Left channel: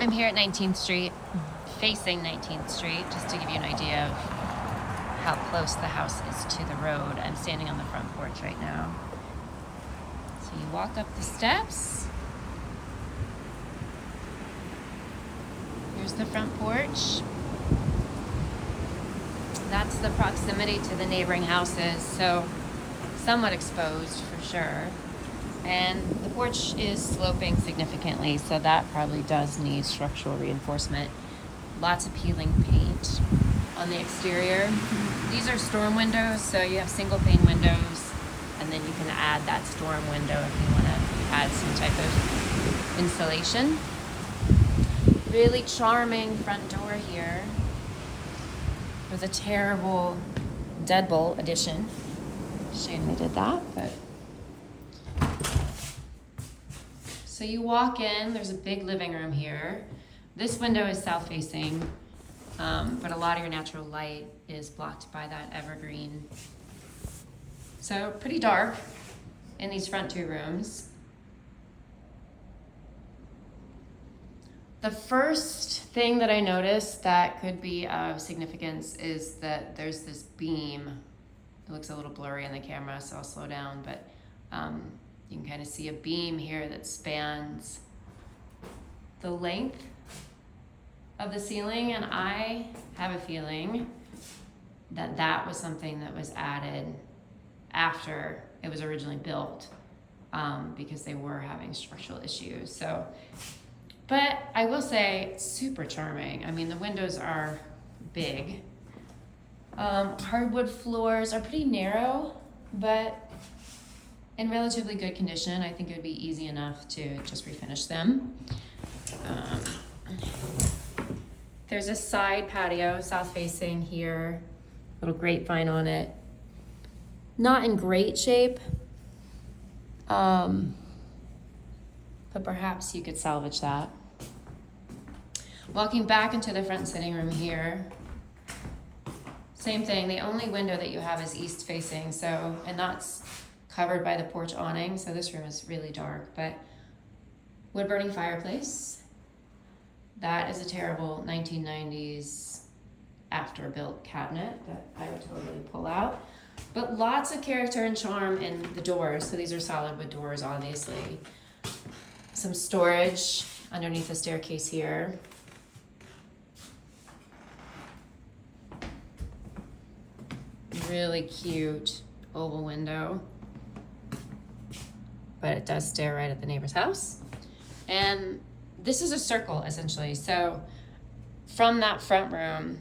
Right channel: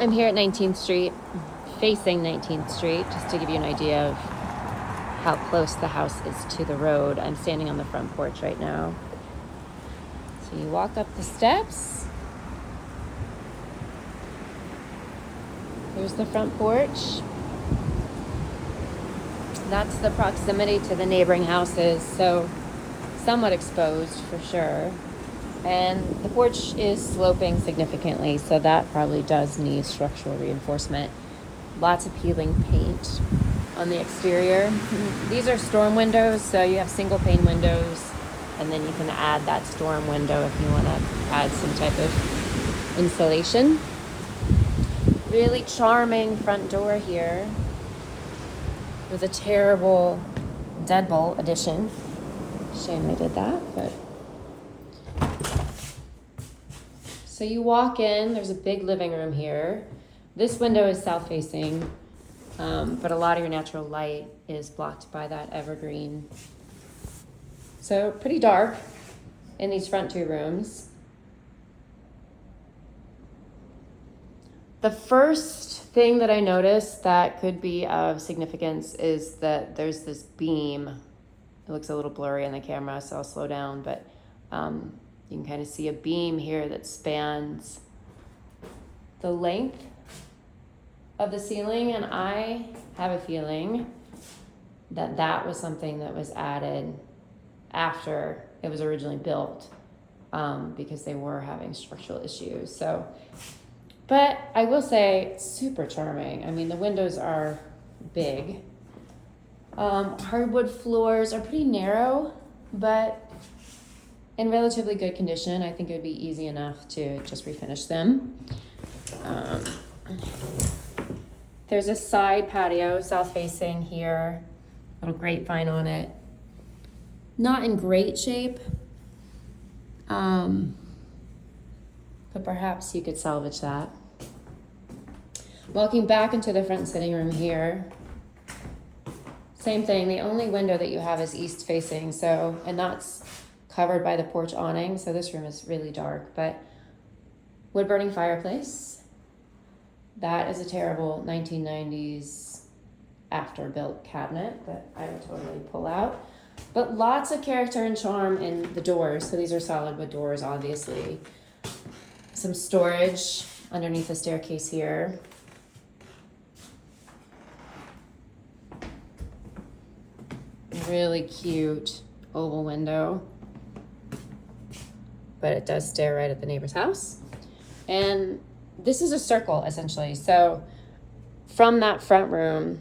I'm here at 19th Street, facing 19th Street, just to give you an idea of how close the house is to the road. I'm standing on the front porch right now. So you walk up the steps. Here's the front porch. That's the proximity to the neighboring houses, so somewhat exposed for sure. And the porch is sloping significantly, so that probably does need structural reinforcement. Lots of peeling paint on the exterior. These are storm windows, so you have single pane windows, and then you can add that storm window if you want to add some type of insulation. Really charming front door here. It was a terrible deadbolt addition. Shame they did that, but. So you walk in, there's a big living room here. This window is south facing, but a lot of your natural light is blocked by that evergreen. So pretty dark in these front two rooms. The first thing that I noticed that could be of significance is that there's this beam. It looks a little blurry in the camera, so I'll slow down, but you can kind of see a beam here that spans the length of the ceiling, and I have a feeling that that was something that was added after it was originally built, because they were having structural issues. So, but I will say, super charming. I mean, the windows are big. Hardwood floors are pretty narrow, but in relatively good condition. I think it would be easy enough to just refinish them. There's a side patio, south facing here, little grapevine on it. Not in great shape, but perhaps you could salvage that. Walking back into the front sitting room here, same thing. The only window that you have is east facing, so, and that's covered by the porch awning, so this room is really dark, but wood burning fireplace. That is a terrible 1990s after built cabinet that I would totally pull out. But lots of character and charm in the doors. So these are solid wood doors, obviously. Some storage underneath the staircase here. Really cute oval window, but it does stare right at the neighbor's house. And this is a circle, essentially. So from that front room,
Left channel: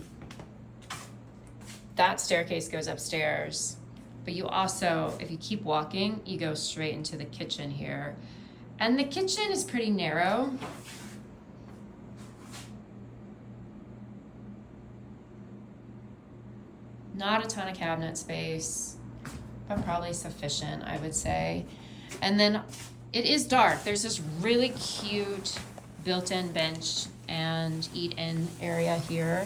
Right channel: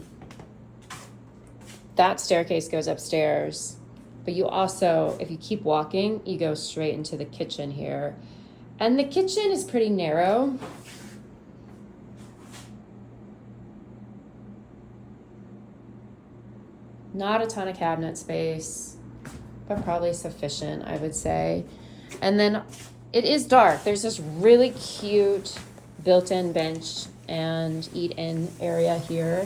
that staircase goes upstairs, but you also, if you keep walking, you go straight into the kitchen here. And the kitchen is pretty narrow. Not a ton of cabinet space, but probably sufficient, I would say. And then it is dark. There's this really cute built-in bench and eat-in area here.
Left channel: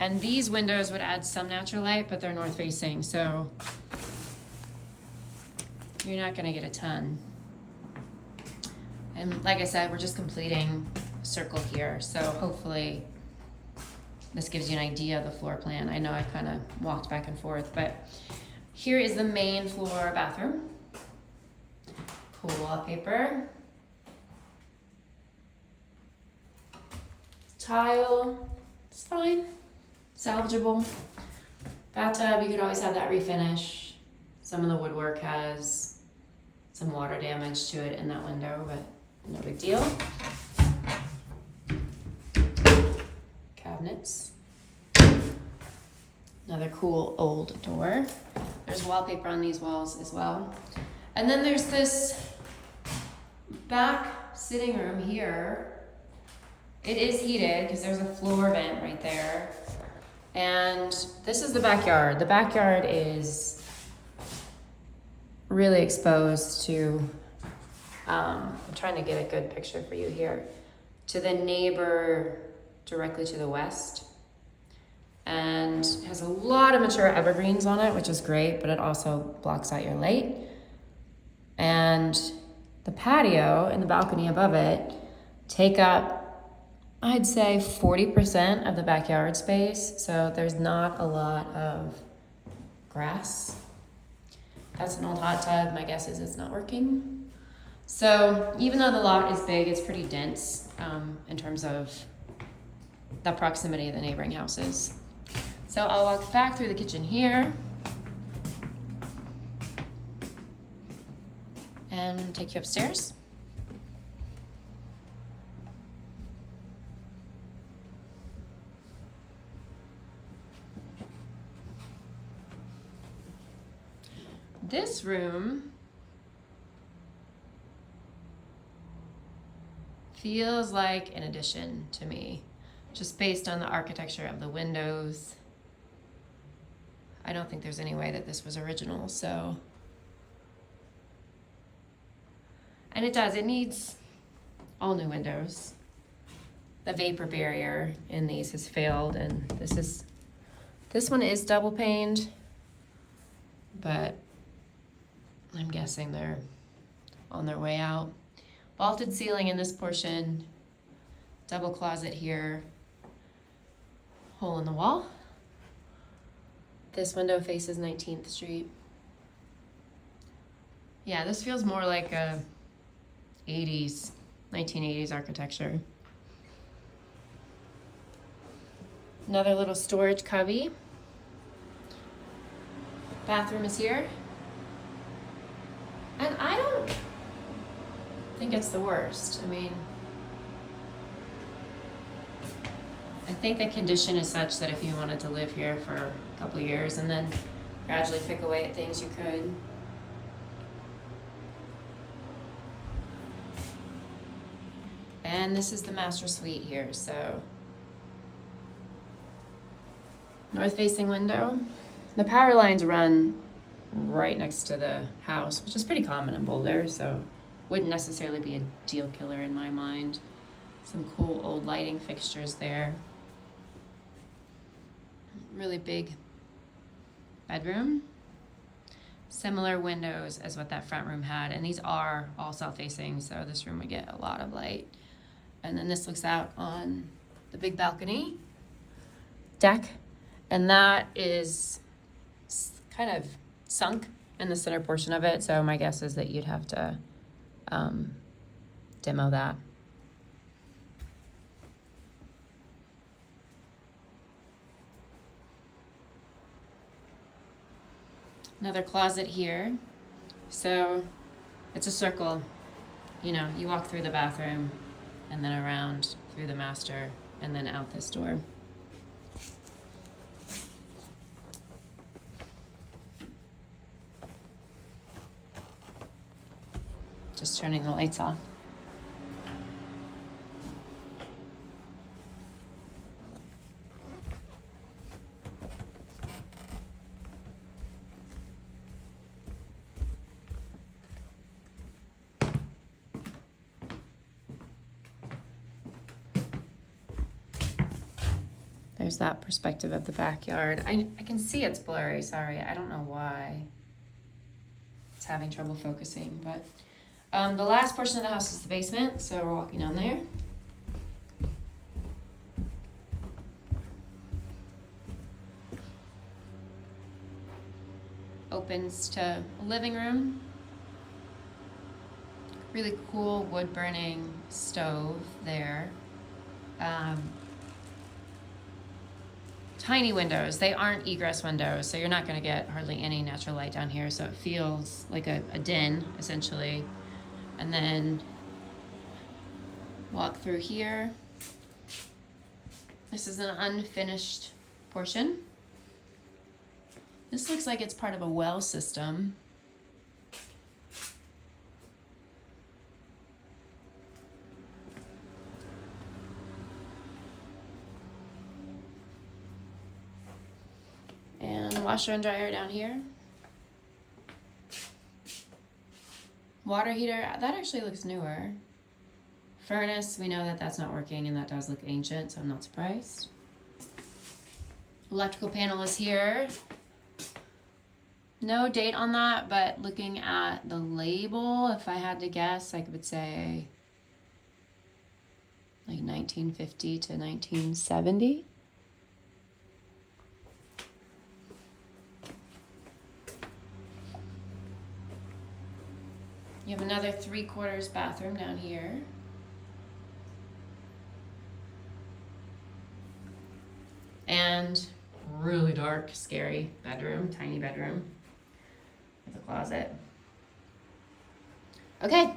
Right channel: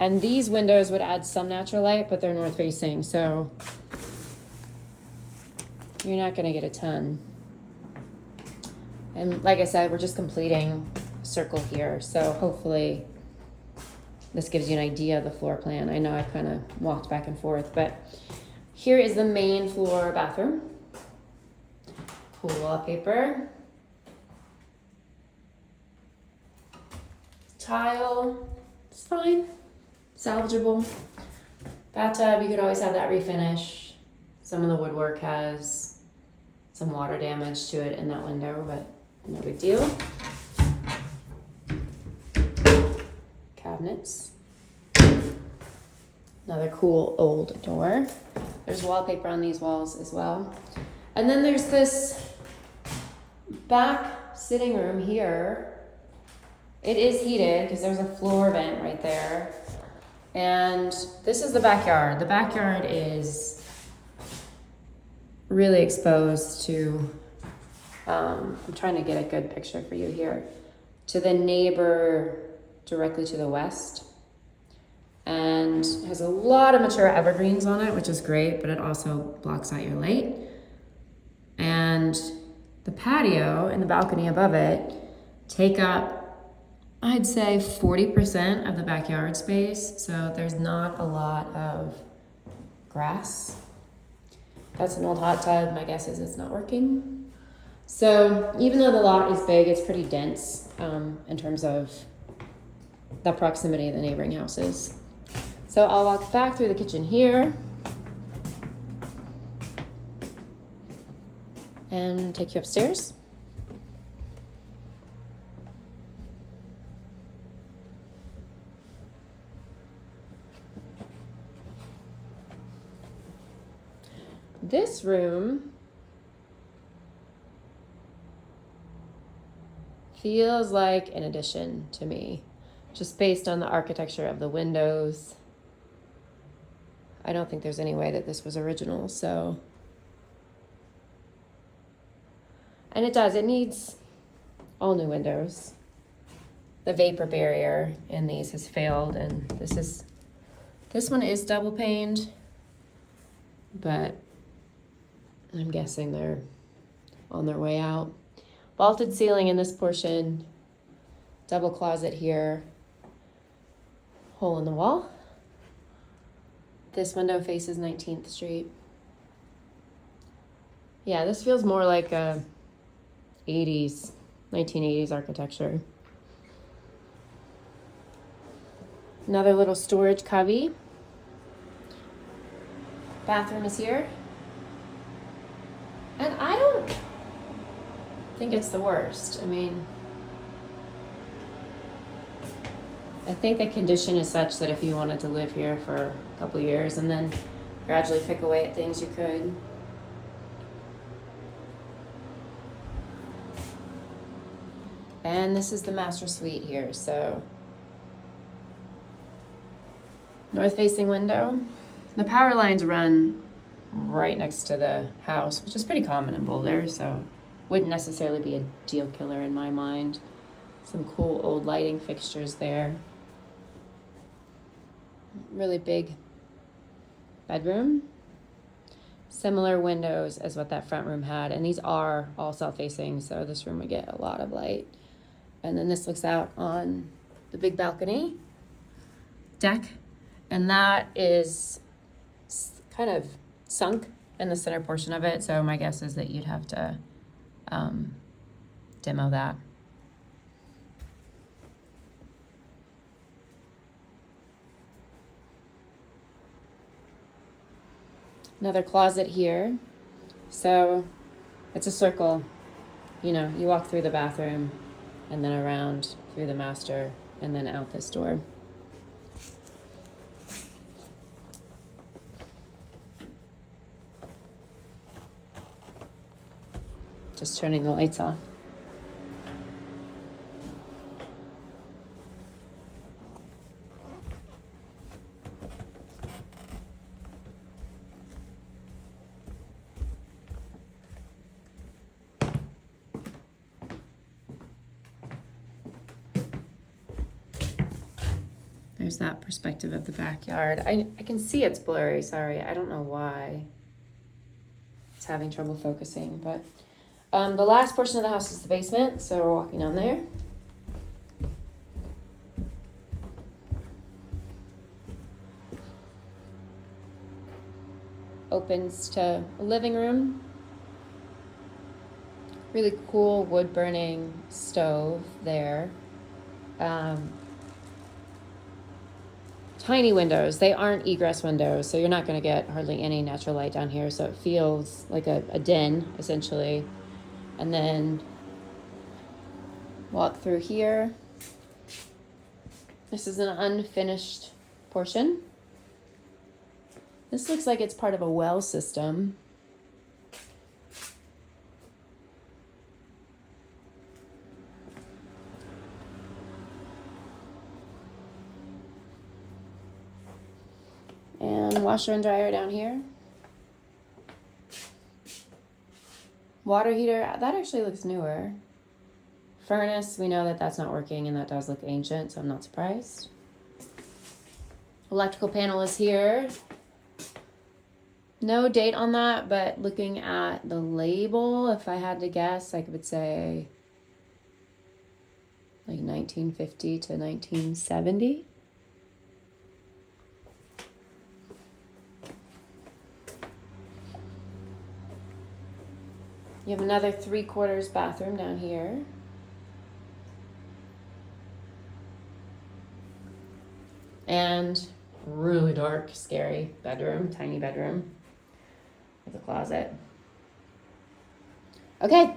And these windows would add some natural light, but they're north-facing, so you're not gonna get a ton. And like I said, we're just completing a circle here, so hopefully this gives you an idea of the floor plan. I know I kind of walked back and forth, but here is the main floor bathroom. Cool wallpaper. Tile, it's fine, salvageable. Bathtub, you could always have that refinish. Some of the woodwork has some water damage to it in that window, but no big deal. Cabinets. Another cool old door. There's wallpaper on these walls as well. And then there's this back sitting room here. It is heated because there's a floor vent right there. And this is the backyard. The backyard is really exposed to, I'm trying to get a good picture for you here, to the neighbor directly to the west. And has a lot of mature evergreens on it, which is great, but it also blocks out your light. And the patio and the balcony above it take up, I'd say 40% of the backyard space. So there's not a lot of grass. That's an old hot tub. My guess is it's not working. So even though the lot is big, it's pretty dense in terms of the proximity of the neighboring houses. So I'll walk back through the kitchen here and take you upstairs. This room feels like an addition to me, just based on the architecture of the windows. I don't think there's any way that this was original, so. And it needs all new windows. The vapor barrier in these has failed, and this one is double paned, but I'm guessing they're on their way out. Vaulted ceiling in this portion, double closet here, hole in the wall. This window faces 19th Street. Yeah, this feels more like a 1980s architecture. Another little storage cubby. Bathroom is here. And I don't think it's the worst. I mean, I think the condition is such that if you wanted to live here for a couple years and then gradually pick away at things, you could. And this is the master suite here, so north-facing window. The power lines run right next to the house, which is pretty common in Boulder, so wouldn't necessarily be a deal killer in my mind. Some cool old lighting fixtures there. Really big bedroom. Similar windows as what that front room had, and these are all south-facing, so this room would get a lot of light. And then this looks out on the big balcony deck, and that is kind of sunk in the center portion of it, so my guess is that you'd have to demo that. Another closet here. So it's a circle. You know, you walk through the bathroom and then around through the master and then out this door. Just turning the lights off. There's that perspective of the backyard. I can see it's blurry, sorry. I don't know why it's having trouble focusing, but the last portion of the house is the basement, so we're walking down there. Opens to a living room. Really cool wood burning stove there. Tiny windows. They aren't egress windows, so you're not going to get hardly any natural light down here, so it feels like a den, essentially. And then walk through here. This is an unfinished portion. This looks like it's part of a well system. And washer and dryer down here. Water heater, that actually looks newer. Furnace, we know that that's not working and that does look ancient, so I'm not surprised. Electrical panel is here. No date on that, but looking at the label, if I had to guess, I would say like 1950 to 1970. You have another 3/4 bathroom down here. And really dark, scary bedroom, tiny bedroom with a closet. Okay,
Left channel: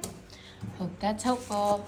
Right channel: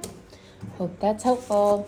hope that's helpful.